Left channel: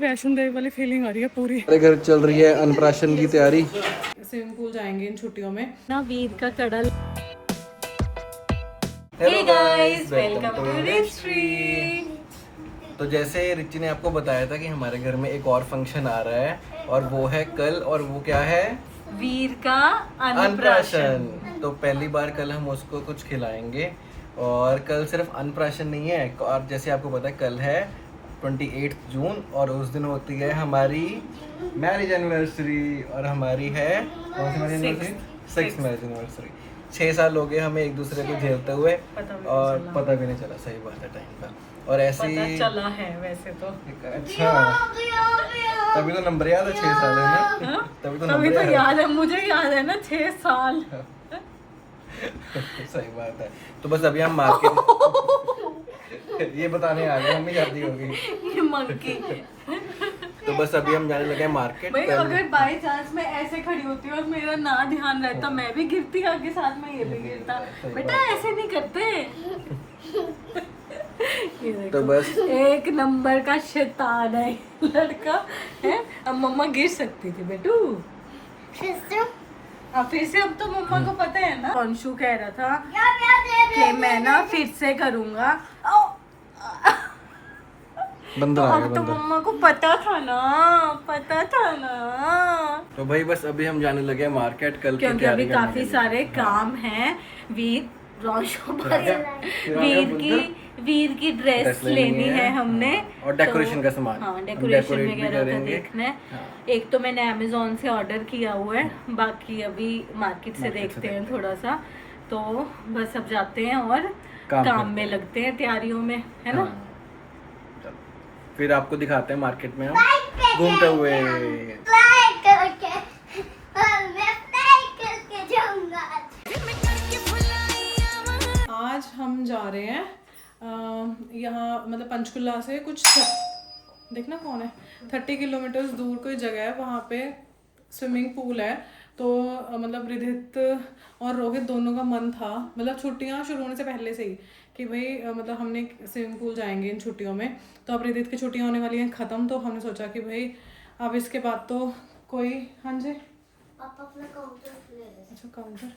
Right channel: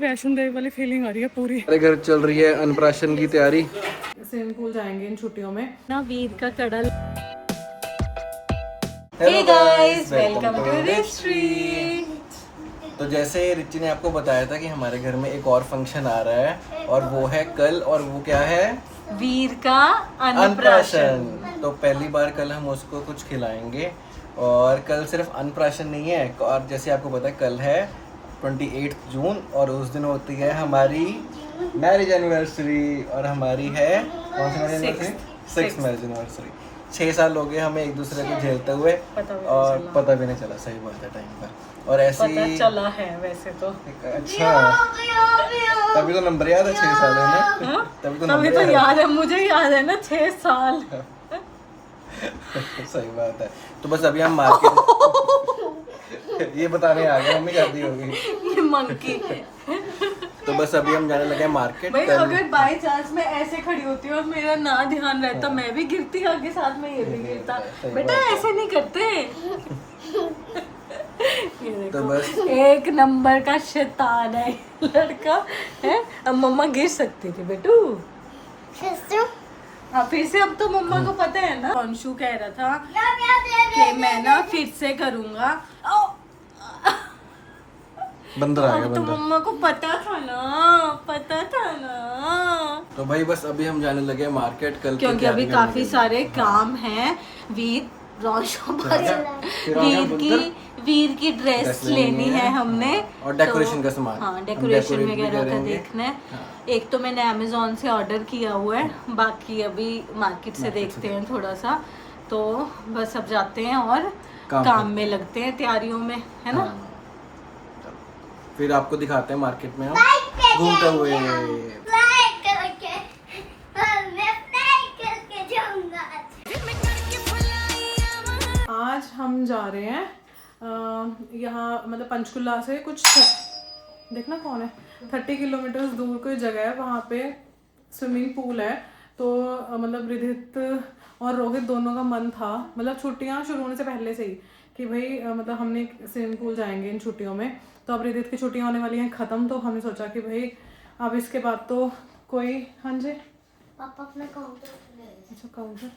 वैष्णो देवी वाली फीलिंग आ रही है पूरी। हमारे घर चल रही है अन्नप्राशन की तैयारी। स्विमिंग पूल जाएंगे इन छुट्टियों में ना, वीर का कड़ल। Hello guys, welcome to Rich. तो जैसे रिची ने आपको बताया था कि हमारे घर में एक और फंक्शन आ रहा है और वो है कल, और वो क्या है? वीर का अन्नप्राशन। तो पहली बार कल हम उसको कुछ खिलाएंगे। और कल सिर्फ अन्नप्राशन नहीं है, और जैसे आपको पता है कल है 28 जून और उस दिन होती है हमारी मैरिज एनिवर्सरी। और हमारी है कौन सी marriage anniversary? 6th marriage anniversary. 6 साल हो गए हमें एक दूसरे को झेलते हुए और पता भी नहीं चला। सही बात है, टाइम का। और ऐसे पता चला है वैसे तो। अच्छा, तभी तो नंबर याद है 6 साल है ना। तभी तो नंबर याद है, मुझे याद है ना 6 साल। सही बात है। तो बस अभी हम मार्केट ये बताने आ गए, मम्मी शादी होगी। ये मंकी। तो बस अभी हम जाने लगे मार्केट। भाई अगर बाय चांस मैं ऐसे खड़ी होती हूँ और मेरा ना ध्यान रहता तो मैं भी गिरती आगे साथ में, ये भी गिरता। बेटा ऐसे नहीं करते। तो बस एक नंबर का शैतान है लड़का है। अब मम्मा गिर सकती थी बेटू। फिर से अब तो मम्मा को पता है ना। अंशु कह रहा था कि मैं ना फिर से करूंगा। बंदर आ गया, तो बंदर। मम्मा को पता था ना। तो भाई बस अभी हम जाने लगे मार्केट कल की क्योंकि तैयारी अभी करने काफी के लिए। सारे काम हैं। वीर वीर की ड्रेस लेनी है हमने। और डेकोरेशन का सामान। हाँ, डेकोरेशन वगैरह का करेंगे। देखना है। हाँ। एक तो मैंने अमेजोन से ऑर्डर किया हुआ है, बाकी अभी मार्केट से देखते हैं थोड़ा सा। तो बस अब जाते हैं और काम में लगते हैं, तैयारियों में, है ना। चलो, फिर आपको दिखाते हैं मार्केट में हम घूमते हुए। आज हम जा रहे हैं यहाँ, मतलब पंचकुला से कुछ देखना कौन है 30 किलोमीटर दूर कोई जगह है, वहाँ पे स्विमिंग पूल है। तो मतलब रिधित और रोहित दोनों का मन था, मतलब छुट्टियाँ शुरू होने से पहले से ही, कि भाई मतलब हमने स्विमिंग पूल जाएंगे इन छुट्टियों में। तो अब रिधित की छुट्टियाँ होने वाली हैं ख़त्म, तो हमने सोचा कि भाई अब इसके बाद तो कोई, हाँ जी पापा अपना काउंटर। अच्छा, काउंटर।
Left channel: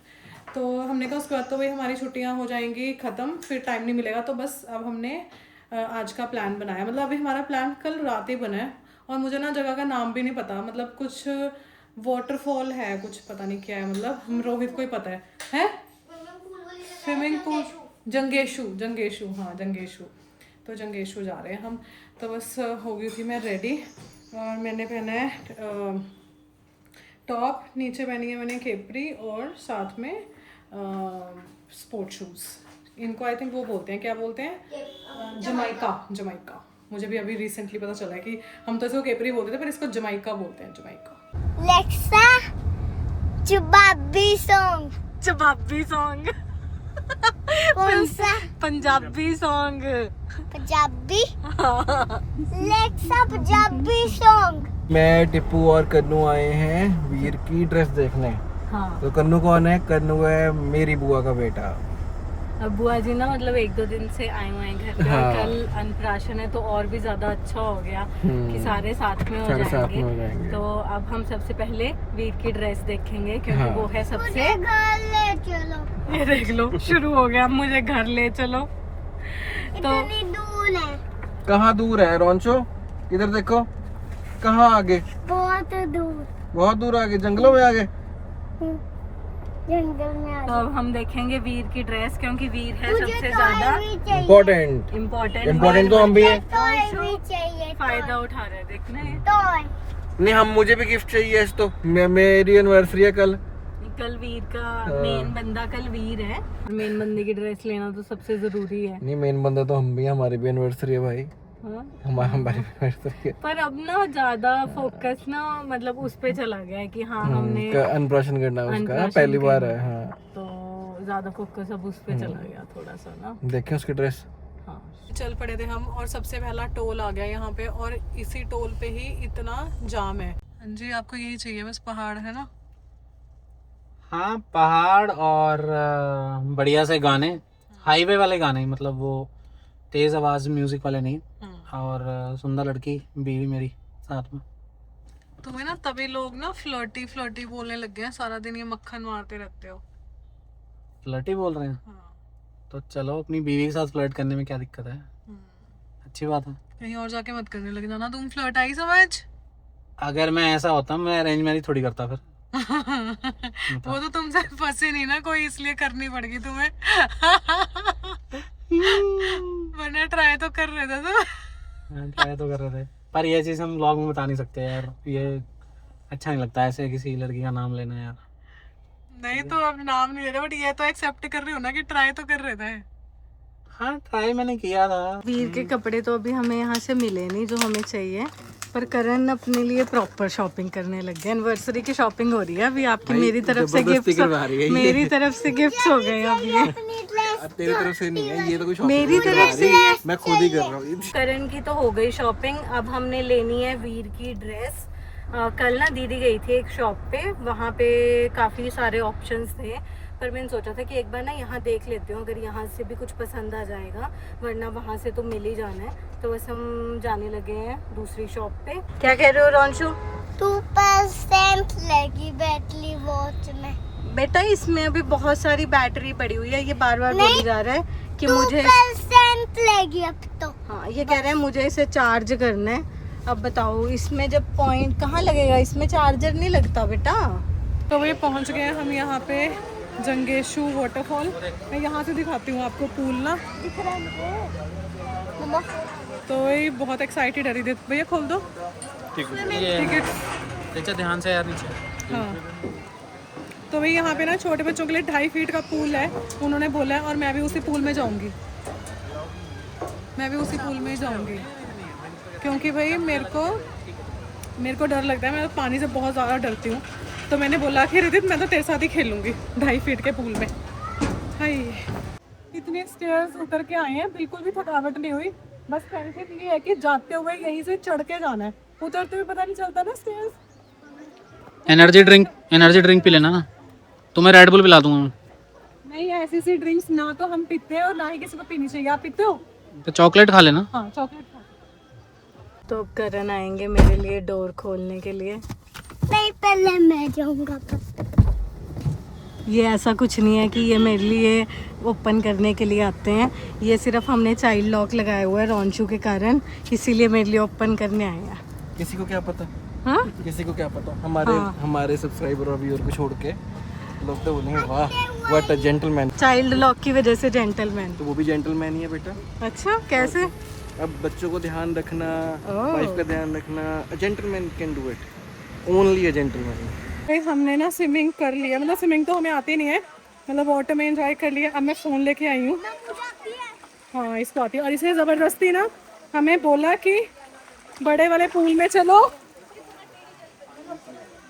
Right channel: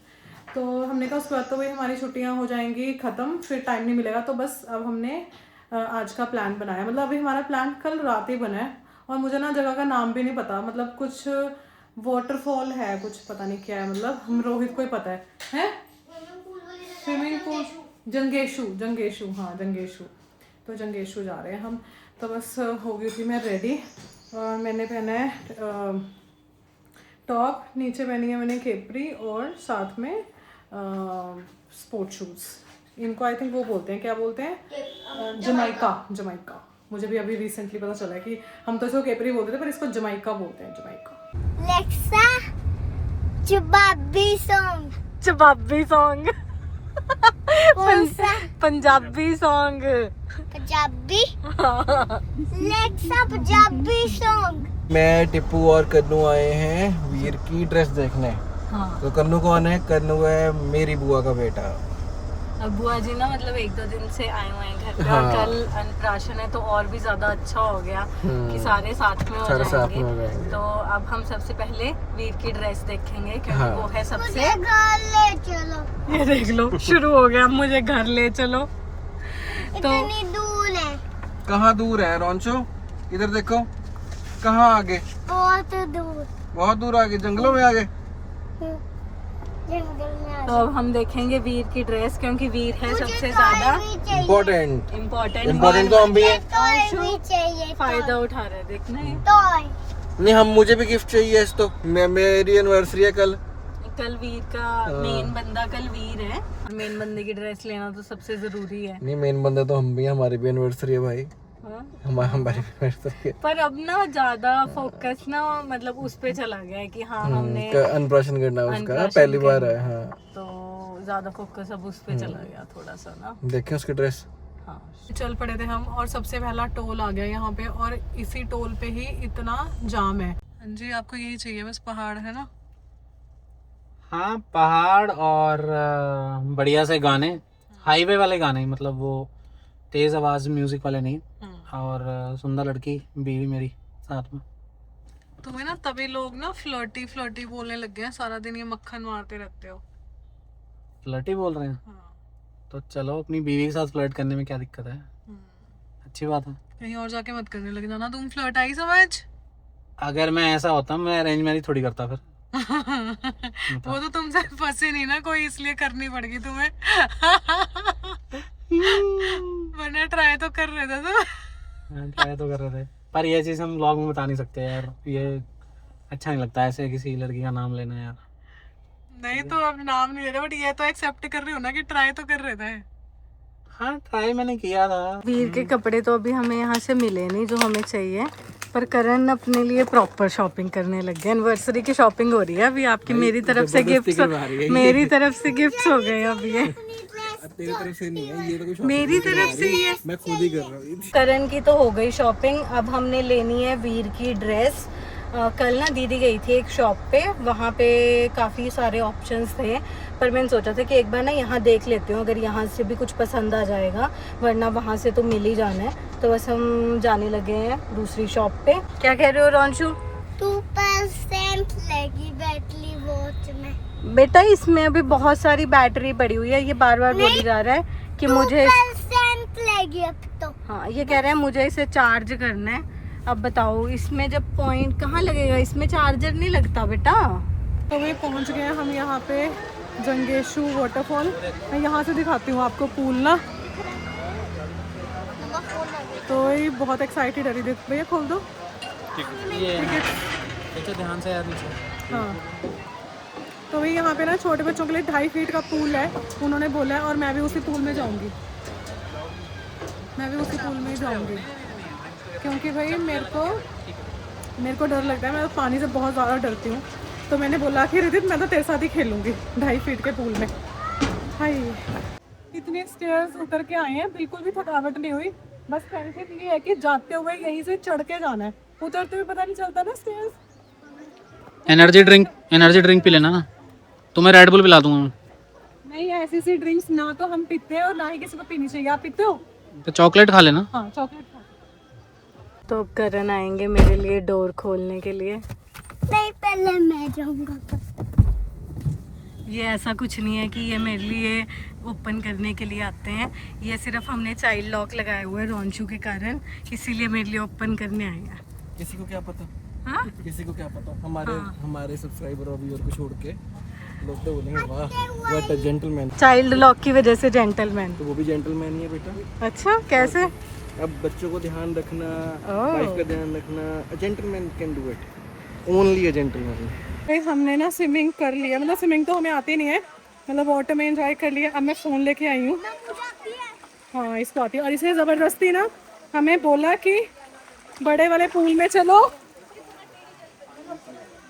तो हमने कहा उसके बाद तो भाई हमारी छुट्टियां हो जाएंगी ख़त्म, फिर टाइम नहीं मिलेगा। तो बस अब हमने आज का प्लान बनाया, मतलब अभी हमारा प्लान कल रात ही बना है। और मुझे ना जगह का नाम भी नहीं पता, मतलब कुछ वाटरफॉल है, कुछ पता नहीं क्या है, मतलब हम रोहित को ही पता है स्विमिंग पूल। जंगेशु, हाँ जंगेशु। तो जंगेशु जा रहे हैं हम। तो बस हो गई थी मैं रेडी, और मैंने पहना है टॉप, नीचे पहनी है मैंने केपरी, और साथ में स्पोर्ट शूज़। इनको आई थिंक वो बोलते हैं, क्या बोलते हैं, जमाइका। मुझे भी अभी रिसेंटली पता चला है कि हम तो इसको केपरी बोलते थे, पर इसको जमाइका बोलते हैं, जमाइका। लेक्सा चबाबी सॉन्ग कौन सा? पंजाबी सॉन्ग। लेक्सा पंजाबी सॉन्ग। मैं टिप्पू और कन्नू आए हैं वीर की ड्रेस देखने। हाँ। तो कन्नू कौन है? कन्नू है मेरी बुआ का बेटा। अब बुआ जी ना मतलब 1-2 दिन से आए हुए हैं घर पे। हाँ। कल अन्नप्राशन है तो और भी ज्यादा अच्छा हो गया कि सारे साथ में हो जाएंगे। तो अब हम सबसे पहले वीर की ड्रेस देखेंगे, क्योंकि हाँ। वो है सबसे। मुझे घर ले चलो। ये देख लो, शुरू हो गया, मुझे घर ले चलो। इतनी दूर है। कहाँ दूर है रोंचो? इधर देखो, कहाँ आगे? बहुत दूर आगे, जंगलों में आगे। जंगल में। तो अब हम देखेंगे वीर की ड्रेस, क्योंकि वीर है सबसे ज्यादा इम्पोर्टेंट तो हम भी हैं। फायदा उठा रहे हैं, देखना है। नहीं, हम मुझे भी गिफ्ट चाहिए इस तो मेरी एनिवर्सरी है कल वीर का मेन बंदा कल वीर है, और मेन बंदे की ड्रेस लेना तो सबसे जरूरी है। नहीं, मेन बंदे तो हम भी, हमारी भी एनिवर्सरी है भाई। हाँ? हमारी एनिवर्सरी है। पर अब ना ज्यादा फोकस ना मतलब उस पे चला गया है कि हाँ हमने अन्नप्राशन करना उसका पहली बार है। हाँ, तो ज्यादा फोकस अब उस पे चला गया थोड़ा सा ना। देखें उसकी ड्रेस। हाँ। चल पड़े थे हम, और सबसे पहला टोल आ गया यहाँ पे, और इसी टोल पे ही इतना जाम है। हाँ जी, आपको यही चाहिए बस, पहाड़ है ना। हाँ, पहाड़ और बढ़िया से गाने, हाईवे वाले गाने, मतलब वो तेज आवाज म्यूजिक वाले नहीं। और सुंदर लड़की, बीवी मेरी। साथ में। तुम्हें ना तभी लोग ना फ्लर्टी फ्लर्टी बोलने लग गए हैं, सारा दिन ये मक्खन मारते रहते हो। फ्लर्टी बोल रहे हैं हाँ। तो चलो, अपनी बीवी के साथ फ्लर्ट करने में क्या दिक्कत है, अच्छी बात है। कहीं और जाके मत करने लग जाना तुम फ्लर्ट, आई समझ? अगर मैं ऐसा होता मैं अरेंज मैरिज थोड़ी करता फिर। वो तो तुमसे फंसे नहीं ना कोई, इसलिए करनी पड़ेगी तुम्हें। वरना ट्राई तो कर रहे थे तुम। ट्राई तो कर रहे थे, पर ये चीज हम व्लॉग में बता नहीं सकते यार, ये अच्छा नहीं लगता ऐसे किसी लड़की का नाम लेना यार। नहीं तो अब नाम नहीं ले रहे, बट ये तो एक्सेप्ट कर रहे हो ना कि ट्राई तो कर रहे थे। हाँ ट्राई मैंने किया था। वीर के कपड़े तो अभी हमें यहाँ से मिले नहीं जो हमें चाहिए, पर करण अपने लिए प्रॉपर शॉपिंग करने लग गए। एनिवर्सरी की शॉपिंग हो रही है अभी आपकी, मेरी तरफ से गिफ्ट, मेरी तरफ से गिफ्ट हो गए अब ये। तेरी तरफ से नहीं है ये तो, कुछ मेरी तरफ से ये मैं खुद ही कर रहा हूँ। करण की तो हो गई शॉपिंग, अब हमने लेनी है वीर की ड्रेस। कल ना दीदी गई थी एक शॉप पे, वहाँ पे काफ़ी सारे ऑप्शंस थे, पर मैंने सोचा था कि एक बार ना यहाँ देख लेती हूँ, अगर यहाँ से भी कुछ पसंद आ जाएगा, वरना वहाँ से तो मिल ही जाना है। तो बस हम जाने लगे हैं दूसरी शॉप पे। क्या कह रहे हो रोंशु? 2% लगी बैटरी वॉच में। बेटा इसमें अभी बहुत सारी बैटरी पड़ी हुई है, ये बार बार बोली जा रहा है कि मुझे 2% लगी अब तो। हाँ ये कह रहे हैं मुझे इसे चार्ज करना है। अब बताओ इसमें जब पॉइंट कहाँ लगेगा, इसमें चार्जर नहीं लगता बेटा। तो वे पहुँच गए हम यहाँ पे जंगेशु वाटरफॉल। मैं यहाँ से दिखाती हूँ आपको पूल ना, तो ये बहुत एक्साइटेड है रिदित। भैया खोल दो टिकट। अच्छा ध्यान से यार नीचे। हाँ तो भाई यहाँ पे ना छोटे बच्चों के लिए 2.5 फीट का पूल है, उन्होंने बोला है, और मैं भी उसी पूल में जाऊँगी, मैं भी उसी पूल में ही जाऊँगी, क्योंकि भाई मेरे को डर लगता है, मैं पानी से बहुत ज़्यादा डरती हूँ। तो मैंने बोला कि रिदित मैं तो तेरे साथ ही खेलूँगी 2.5 फीट के पूल में। हाय इतने स्टेयर्स उतर के आए हैं, बिल्कुल भी थकावट नहीं हुई, बस टेंशन ये है कि जाते हुए यहीं से चढ़ के जाना है, उतरते हुए पता नहीं चलता ना स्टेयर्स। एनर्जी ड्रिंक पी लेना ना, तुम्हें रेड बुल पिला दूंगा मैं। नहीं ऐसी सी ड्रिंक्स ना तो हम पीते हैं और ना ही किसी को पीनी चाहिए। आप पीते हो? तो चॉकलेट खा लेना। हाँ चॉकलेट खा। तो अब करण आएंगे मेरे लिए डोर खोलने के लिए। नहीं पहले मैं जाऊंगा। ये ऐसा कुछ नहीं है कि ये मेरे लिए ओपन करने के लिए आते हैं, ये सिर्फ हमने चाइल्ड लॉक लगाया हुआ है रोंशु के कारण, इसीलिए मेरे लिए ओपन करने आए हैं। किसी को क्या पता, हाँ किसी को क्या पता, हमारे सब्सक्राइबर और व्यूअर को छोड़ के लोग तो बोलेंगे वाह what a gentleman. Child lock की वजह से जेंटलमैन। तो वो भी जेंटलमैन ही है बेटा। अच्छा कैसे? अब बच्चों को ध्यान रखना, वाइफ का ध्यान रखना, a gentleman can do it, only a gentleman. भाई हमने ना स्विमिंग कर लिया, मतलब स्विमिंग तो हमें आती नहीं है, मतलब वाटर में एंजॉय कर लिया। अब मैं फ़ोन लेके आई हूँ, हाँ इसको आती है, और इसे ज़बरदस्ती ना हमें बोला कि बड़े वाले पूल में चलो,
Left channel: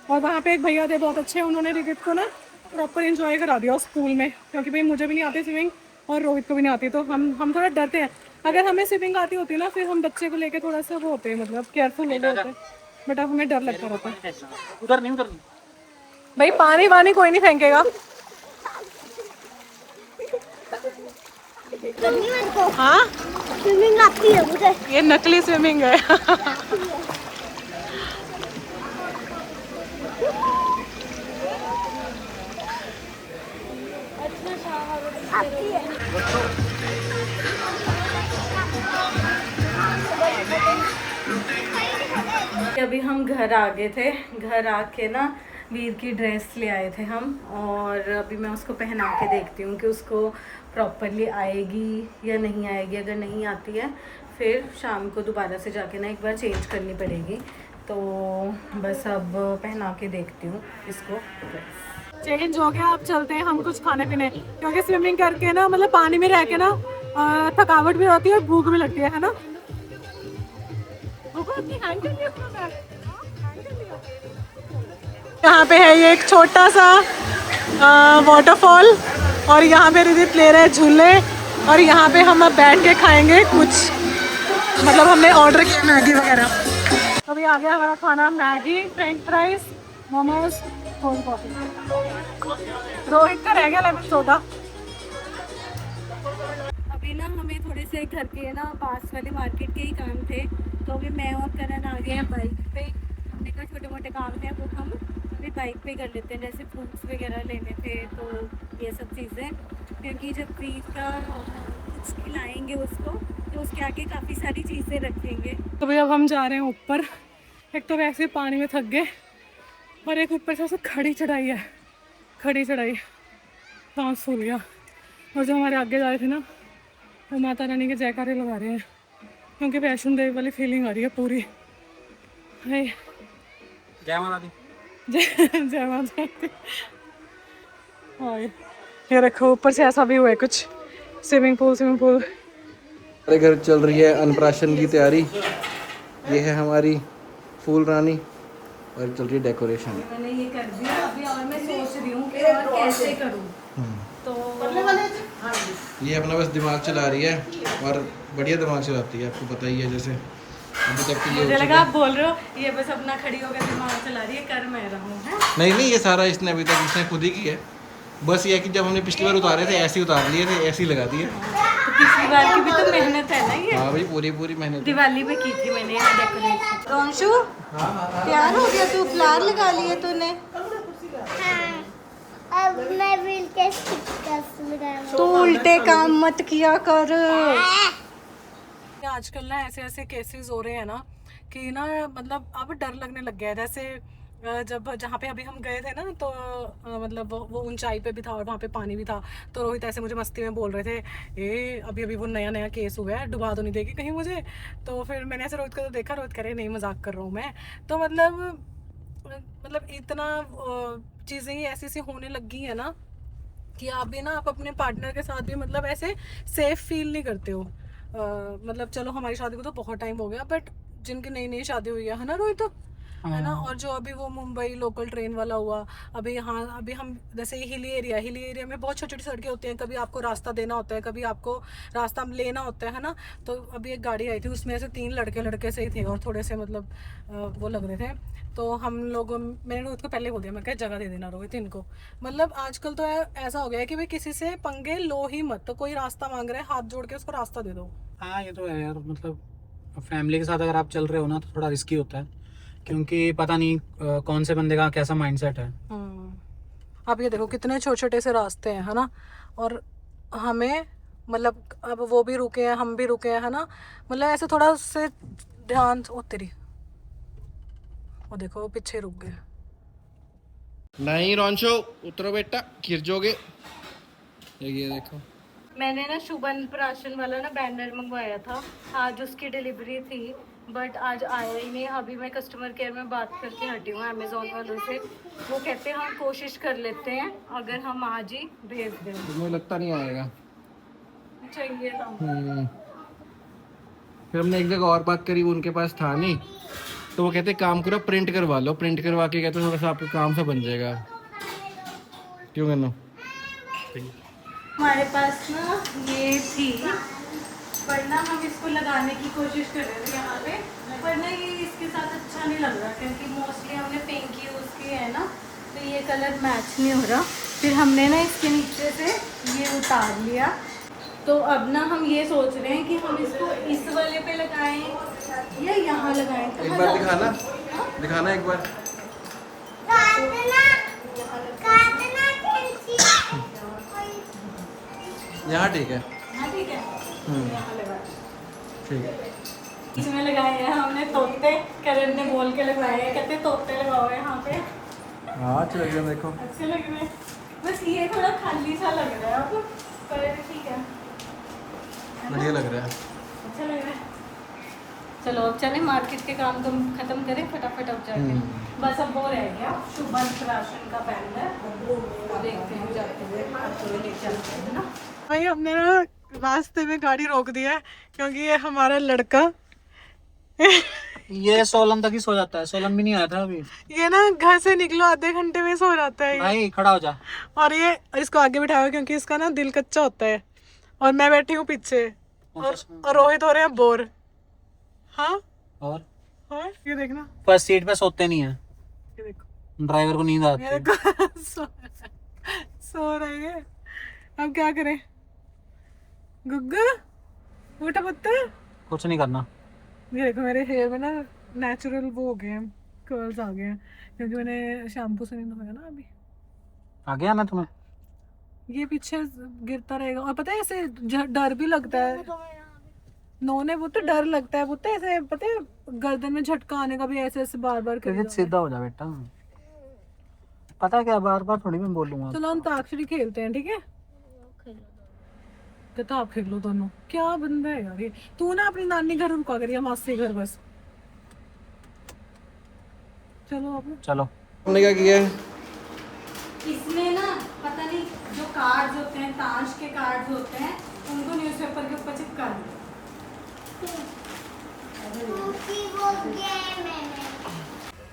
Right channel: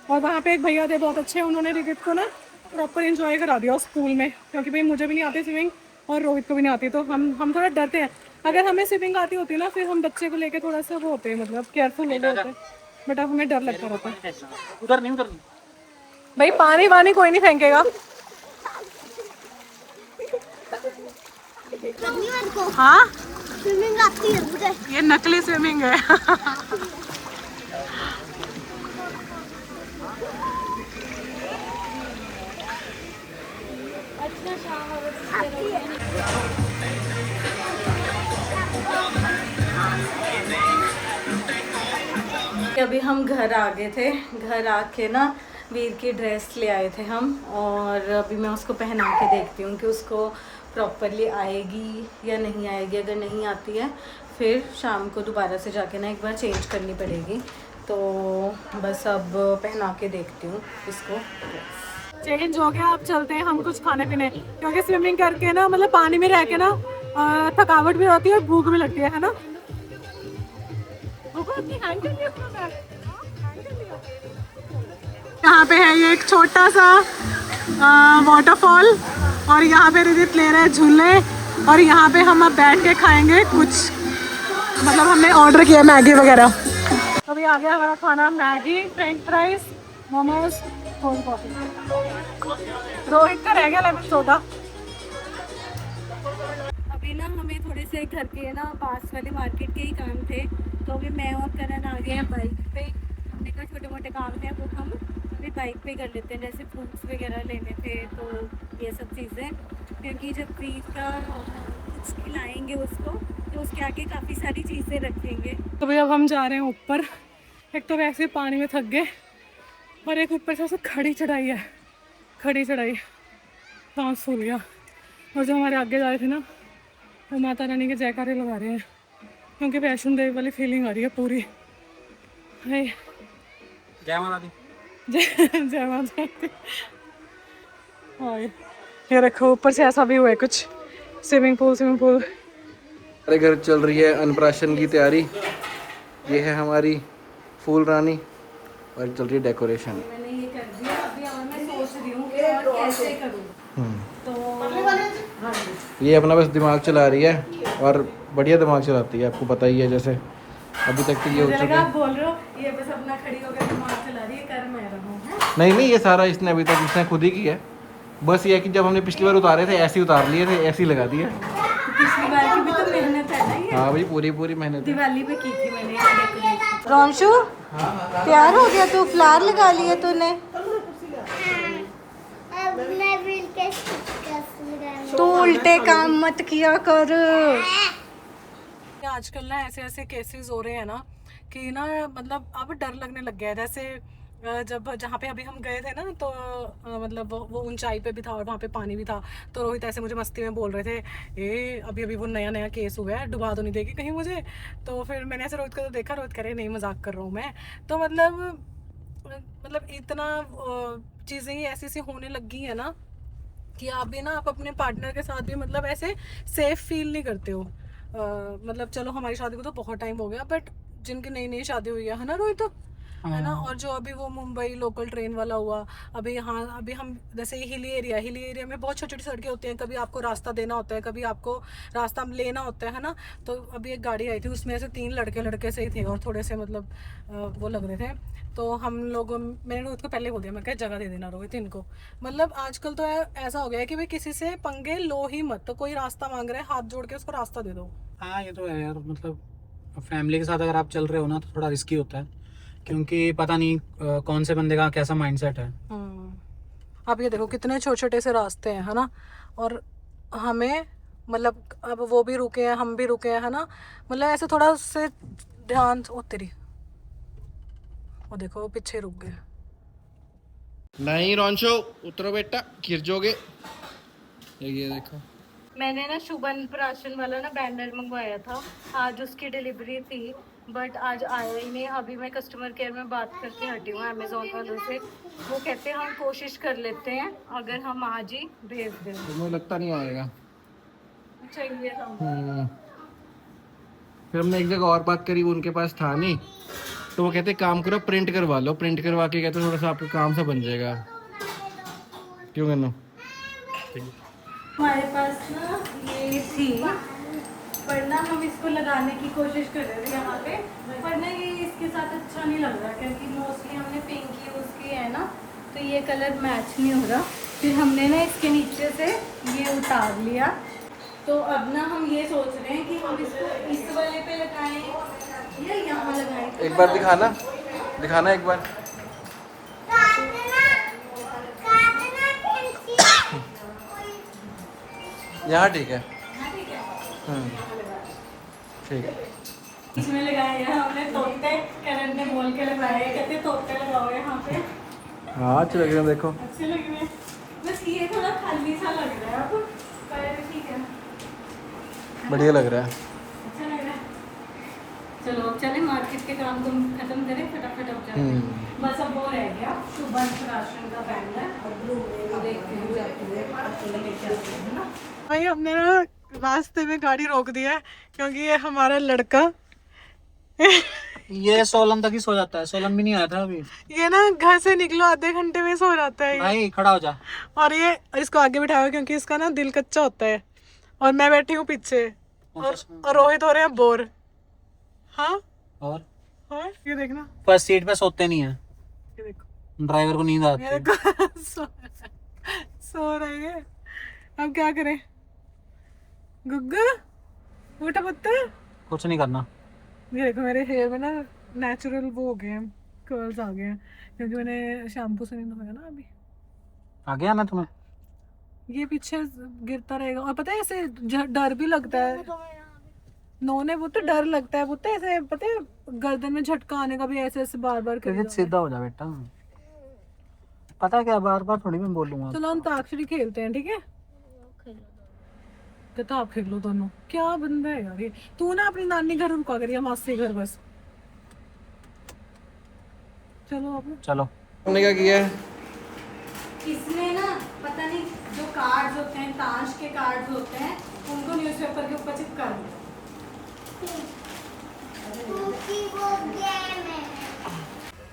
और वहाँ पे एक भैया थे बहुत अच्छे, उन्होंने रिदित को ना प्रॉपर एंजॉय करा दिया उस पूल में, क्योंकि भाई मुझे भी नहीं आती स्विमिंग और रोहित को भी नहीं आती, तो हम थोड़ा डरते हैं। अगर हमें स्विमिंग आती होती ना फिर हम बच्चे को लेके थोड़ा सा वो होते हैं, मतलब केयरफुल ले होते हैं, बट अब हमें डर लगता रहता है। उधर नहीं भाई पानी वानी कोई नहीं फेंकेगा। करनी मेरे को हाँ स्विमिंग आती है मुझे। ये नकली स्विमिंग है। आती है। अभी हम घर आ गए थे, घर आके ना वीर की ड्रेस ले आए थे हम, और अभी मैं उसको पहना के देखती हूँ कि उसको प्रॉपरली आएगी या नहीं आएगी। अगर नहीं आती है फिर शाम को दोबारा से जाके ना एक बार चेंज करनी पड़ेगी, तो बस अब पहना के देखती हूँ इसको ड्रेस। चेंज हो गया, अब चलते हैं हम कुछ खाने पीने, क्योंकि स्विमिंग करके ना मतलब पानी में रह के ना थकावट भी होती है और भूख भी लगती है ना। यहाँ पे है ये एक छोटा सा वाटरफॉल, और यहाँ पे रिदित ले रहे हैं झूले, और यहाँ पे हम अब बैठ के खाएंगे कुछ, मतलब हमने ऑर्डर किया मैगी वगैरह। अभी आ गया हमारा खाना, Maggi, French fries, momos, cold coffee. Rohit का रह गया लेमन सोडा। अभी अभी ना हमें थोड़े से घर के ना पास वाले मार्केट के ही काम थे, तो अभी मैं और करण आ गए हैं बाइक पे। हमने कहा छोटे मोटे काम है वो हम अभी बाइक पे कर लेते हैं, जैसे फ्रूट्स वगैरह लेने थे, तो ये सब चीज़ें, क्योंकि जब फ्रीज का कुछ खिलाएंगे उसको तो उसके आगे काफ़ी सारी चीज़ें रखेंगे। तो भाई अब हम जा रहे हैं ऊपर। एक तो वैसे पानी में थक गए और एक ऊपर से खड़ी चढ़ाई है, खड़ी चढ़ाई, सांस फूल गया। और जो हमारे आगे जा रहे थे ना, वो माता रानी के जयकारे लगा रहे हैं, क्योंकि वैष्णो देवी वाली फीलिंग आ रही है पूरी। हाय जय माता दी। जय माता दी। हाय ये देखो ऊपर से ऐसा भी हुआ है कुछ, स्विमिंग पूल। हमारे घर चल रही है अन्नप्राशन की तैयारी। ये है हमारी फूल रानी और चल रही है डेकोरेशन। मैंने ये कर दिया अभी, और मैं सोच रही हूँ कि और कैसे करूँ। तो ये अपना बस दिमाग चला रही है और बढ़िया दिमाग चलाती है, आपको पता ही है। जैसे अभी तक तो ये हो मुझे चुका लगा है। आप बोल रहे हो ये बस अपना खड़ी होकर दिमाग चला रही है, कर मैं रहा हूँ, है? नहीं, ये सारा इसने अभी तक इसने खुद ही किया है। बस ये है कि जब हमने पिछली बार उतारे थे ऐसे ही उतार लिए थे, ऐसे ही लगा दिए। तो पिछली बार की भी तो मेहनत है ना ये। हाँ भाई, पूरी मेहनत है। दिवाली पे की थी मैंने ये डेकोरेशन। रोंशु तैयार हो गया तू? फ्लावर लगा लिया तूने? अब मैं व्हील के स्टिकर्स लगाऊंगी। तू उल्टे काम मत किया कर। आजकल ना ऐसे केसेस हो रहे हैं ना कि ना मतलब अब डर लगने लग गया है। जैसे जब जहाँ पे अभी हम गए थे ना, तो मतलब वो ऊंचाई पे भी था और वहाँ पे पानी भी था, तो रोहित ऐसे मुझे मस्ती में बोल रहे थे, ए अभी वो नया केस हुआ है, डुबा तो नहीं देगी कहीं मुझे। तो फिर मैंने ऐसे रोहित को तो देखा, रोहित करे नहीं मजाक कर रहा हूँ मैं। तो मतलब इतना चीज़ें ही ऐसी होने लग गई है ना कि आप भी ना आप अपने पार्टनर के साथ भी मतलब ऐसे सेफ फील नहीं करते हो। मतलब चलो हमारी शादी को तो बहुत टाइम हो गया, बट जिनकी नई शादी हुई है ना रोहित, है ना, और जो अभी वो मुंबई लोकल ट्रेन वाला हुआ, अभी हम जैसे हिली एरिया में बहुत छोटी छोटी सड़कें होती हैं, कभी आपको रास्ता देना होता है, कभी आपको रास्ता लेना होता है ना। तो अभी एक गाड़ी आई थी, उसमें से 3 लड़के से ही थे और थोड़े से मतलब वो लग रहे थे। तो हम लोग, मैंने रोहित को पहले बोल दिया, मैं कहा जगह दे देना रोहित इनको। मतलब आजकल तो ऐसा हो गया है कि भाई किसी से पंगे लो ही मत। तो कोई रास्ता मांग रहा है, हाथ जोड़ के उसको रास्ता दे दो। हाँ ये तो है यार, मतलब फैमिली के साथ अगर आप चल रहे हो ना तो थोड़ा रिस्की होता है, क्योंकि पता नहीं कौन से बंदे का कैसा माइंडसेट है। आप ये देखो कितने छोटे छोटे से रास्ते हैं, है ना, और हमें मतलब अब वो भी रुके हैं, हम भी रुके हैं, है ना। मतलब ऐसे थोड़ा से ध्यान, ओ तेरी, वो देखो वो पीछे रुक गए। नहीं रोंशो, उतरो बेटा, गिर जाओगे। ये देखो, मैंने ना शुभन प्राशन वाला ना बैनर मंगवाया था, आज उसकी डिलीवरी थी, बट आज आया ही नहीं। अभी मैं कस्टमर केयर में बात करके हटी हूँ अमेजोन वालों से। वो कहते हैं हम कोशिश कर लेते हैं, अगर हम आज ही भेज दें। तो मुझे लगता नहीं आएगा। चाहिए था। फिर हमने एक जगह और बात करी, वो उनके पास था नहीं, तो वो कहते काम करो प्रिंट करवा लो। प्रिंट करवा के कहते थोड़ा सा आपका काम सा बन जाएगा। क्यों करना? हमारे पास ना ये थी, पर ना हम इसको लगाने की कोशिश कर रहे थे यहाँ पे, पर ना ये इसके साथ अच्छा नहीं लग रहा, क्योंकि मोस्टली हमने पिंक यूज़ की है ना, तो ये कलर मैच नहीं हो रहा। फिर हमने ना इसके नीचे से ये उतार लिया। तो अब ना हम ये सोच रहे हैं कि हम इसको इस वाले पे लगाएं या यहाँ लगाएं। तो एक बार दिखाना एक बार। यहाँ ठीक है। हाँ ठीक है, यहाँ लगाएं। ठीक है। इसमें लगाए हैं हमने तोते, करण ने बोल के लगाए हैं, कहते तोते लगाओ यहाँ पे। हाँ अच्छे लग रहे हैं, देखो अच्छे लग रहे हैं, बस ये थोड़ा खाली सा लग रहा है अब, पर ठीक है, बढ़िया लग रहा है। अच्छा लग रहा है। चलो अब चले मार्केट के काम तुम खत्म करें फटाफट, अब जाते बस अब वो रह गया शुभन राशन का बैनर, वो देखते हैं जाते हुए, आपको लेके आते हैं ना। भाई हमने ना रास्ते में गाड़ी रोक दिया है, क्योंकि ये हमारा लड़का ये सोलन तक ही सो जाता है, सोलन भी नहीं आया था अभी। ये ना घर से निकलो आधे घंटे में सो जाता है ये। भाई खड़ा हो जा। और ये इसको आगे बिठाओ, क्योंकि इसका ना दिल कच्चा होता है, और मैं बैठी हूँ पीछे, और रोहित हो रहे हैं बोर। हाँ और ये देखना, फर्स्ट सीट पे सोते नहीं है, ये देखो ड्राइवर को नींद आती ये है। देखो सो रहे हैं। अब क्या करें? गुग्गा उठा पुत्र। कुछ नहीं करना। ये देखो मेरे हेयर में ना नेचुरल वो हो गए हैं, कर्ल्स आ गए हैं क्योंकि मैंने शैम्पू से नहीं धोया ना अभी। आ गया ना तुम्हें? ये पीछे गिरता रहेगा और पता है ऐसे डर भी लगता है। नोने वो तो डर लगता है, वो तो ऐसे पता है गर्दन में झटका आने का भी ऐसे ऐसे बार बार क्योंकि सीधा हो जा बेटा। पता है क्या, बार बार थोड़ी मैं बोलूंगा। चलो हम अंताक्षरी खेलते हैं, ठीक है? तो आप खेल लो दोनों। क्या बंदा है यार ये। तू ना अपनी नानी घर रुका करिए, मासी घर बस। चलो अब चलो। हमने क्या किया है? इसने ना पता नहीं जो कार्ड्स होते हैं, ताश के कार्ड्स होते हैं, उनको न्यूज़पेपर के ऊपर चिपका दिया। क्योंकि वो गेम है।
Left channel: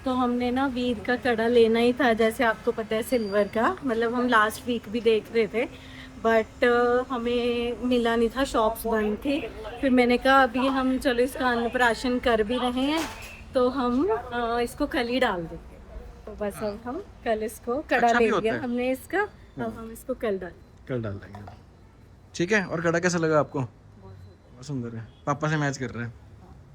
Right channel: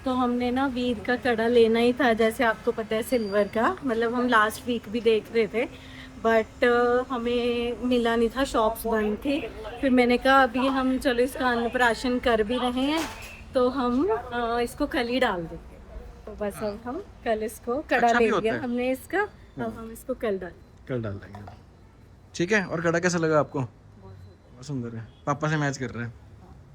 तो हमने ना वीर का कड़ा लेना ही था, जैसे आपको पता है सिल्वर का, मतलब हम लास्ट वीक भी देख रहे थे बट हमें मिला नहीं था, शॉप्स बंद थी। फिर मैंने कहा अभी हम चलो इसका अन्नप्राशन कर भी रहे हैं तो हम इसको कल ही डाल देंगे। तो बस अब हम कल इसको कड़ा अच्छा भी ले होता लिया है। हमने इसका, अब हम इसको कल डाल। कल डाल देंगे। ठीक है। और कड़ा कैसा लगा आपको? बहुत सुंदर है, पापा से मैच कर रहा है।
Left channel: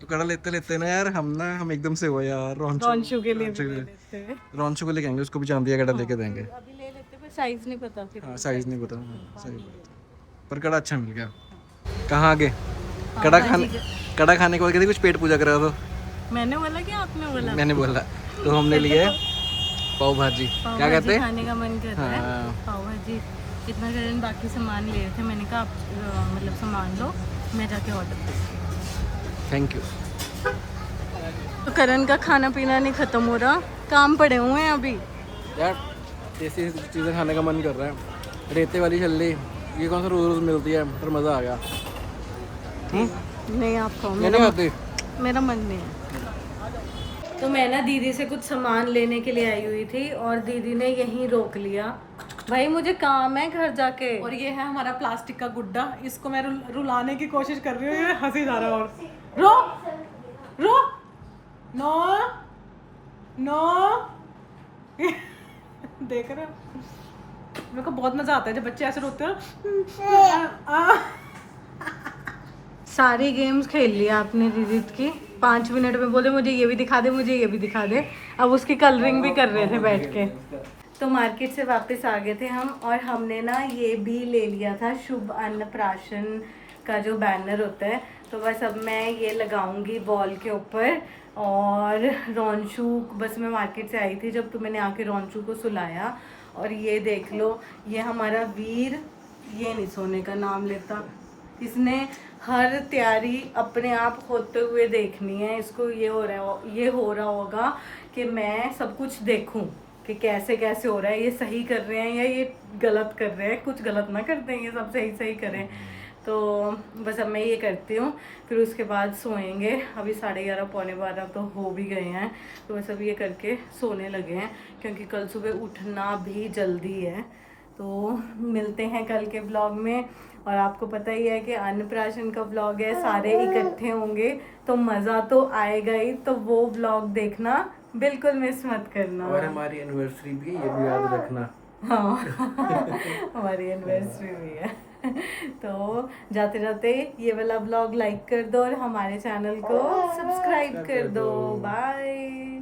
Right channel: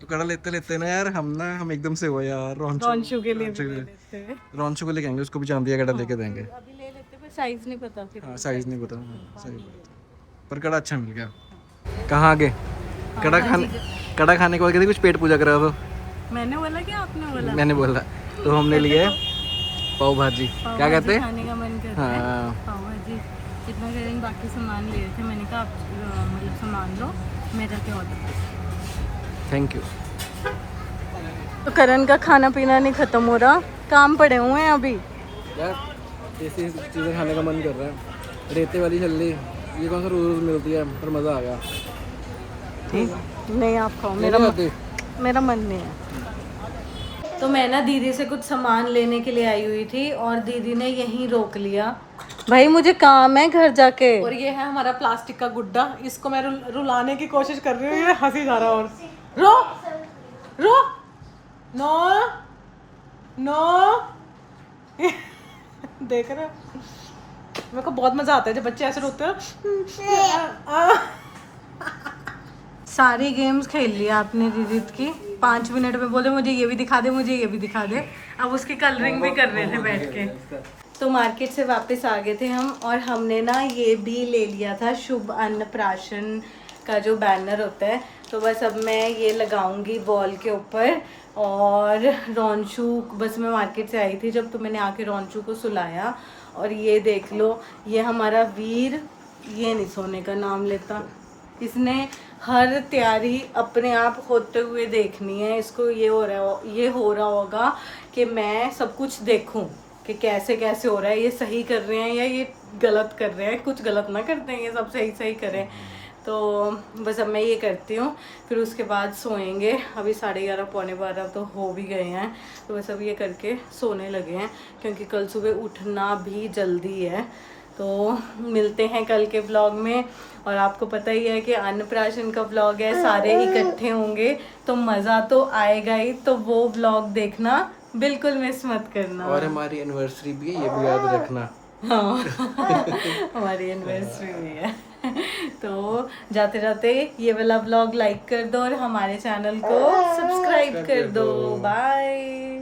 तो कड़ा लेते लेते ना यार हम एकदम से हो यार। रॉन्शु के लिए भी ले लेते हैं। रॉन्शु को लेके आएंगे, उसको भी चांदी का कड़ा लेके देंगे। अभी ले लेते पर साइज नहीं पता फिर। हाँ साइज नहीं पता। सही बात है। पर कड़ा अच्छा मिल गया। कहाँ आगे कड़ा खाने के बाद कहते कुछ पेट पूजा करा तो मैंने बोला कि आपने बोला? मैंने बोला। तो हमने लिए पाव भाजी, क्या कहते हैं, खाने का मन करता है। हाँ पाव भाजी इतना करें, बाकी सामान ले रहे थे। मैंने कहा आप मतलब सामान लो, मैं जाके ऑर्डर करती हूँ। Thank you. तो करण का खाना पीना नहीं खत्म हो रहा, काम पड़े हुए हैं अभी। यार ऐसी चीज़ें खाने का मन कर रहा है। रेते वाली छल्ली ये कौन सा रोज रोज मिलती है, पर मज़ा आ गया। नहीं आप खाओ, मेरा मन नहीं है। तो मैं ना दीदी से कुछ सामान लेने के लिए आई हुई थी और दीदी ने यहीं रोक लिया। भाई मुझे काम है घर जाके। और ये है हमारा प्लास्टिक का गुड्डा, इसको मैं रुलाने की कोशिश कर रही हूँ, ये हंसी जा रहा है। और रो रो नो नो देख रहे हो? मेरे को बहुत मजा आता है जब बच्चे ऐसे रोते हैं। सारी गेम्स खेल लिया आपने दीदी की। 5 मिनट में बोले मुझे ये भी दिखा दे, मुझे ये भी दिखा दे। अब उसकी कलरिंग भी कर रहे थे बैठ के। तो मार्केट से वापस आ गए थे हम और हमने ना ये भी ले लिया था शुभ अन्नप्राशन का जो बैनर होता है। तो बस अब मैं ये लगाऊंगी वॉल के ऊपर। और रॉन्शु, बस मैं मार्केट से आई थी जब, तो मैंने आके रॉन्शु को सुलाया। और ये देख लो, ये हमारा वीर, ये नहीं सोने का नाम लेता। इसने हर तैयारी अपने आप होते हुए देखनी है। इसको ये हो रहा होगा कि मैं सब कुछ देखूं कि कैसे कैसे हो रहा है, ये सही कर रहे हैं या ये गलत कर रहे हैं। कुछ गलत ना कर दें, ये सब सही सही करें। तो बस अब मैं ये करती हूँ, फिर उसके बाद सोएंगे। अभी 11:30 पौने 12 तो हो भी गए हैं। तो बस अब ये करके सोने लगे हैं क्योंकि कल सुबह उठना भी जल्दी है। तो मिलते हैं कल के ब्लॉग में। और आपको पता ही है कि अन्नप्राशन का ब्लॉग है, सारे इकट्ठे होंगे तो मज़ा तो आएगा ही। तो वो ब्लॉग देखना बिल्कुल मिस मत करना। और हमारी एनिवर्सरी भी है, ये भी याद रखना। हाँ हमारी एनिवर्सरी भी है। तो जाते जाते ये वाला ब्लॉग लाइक कर दो और हमारे चैनल को सब्सक्राइब कर दो। बाय।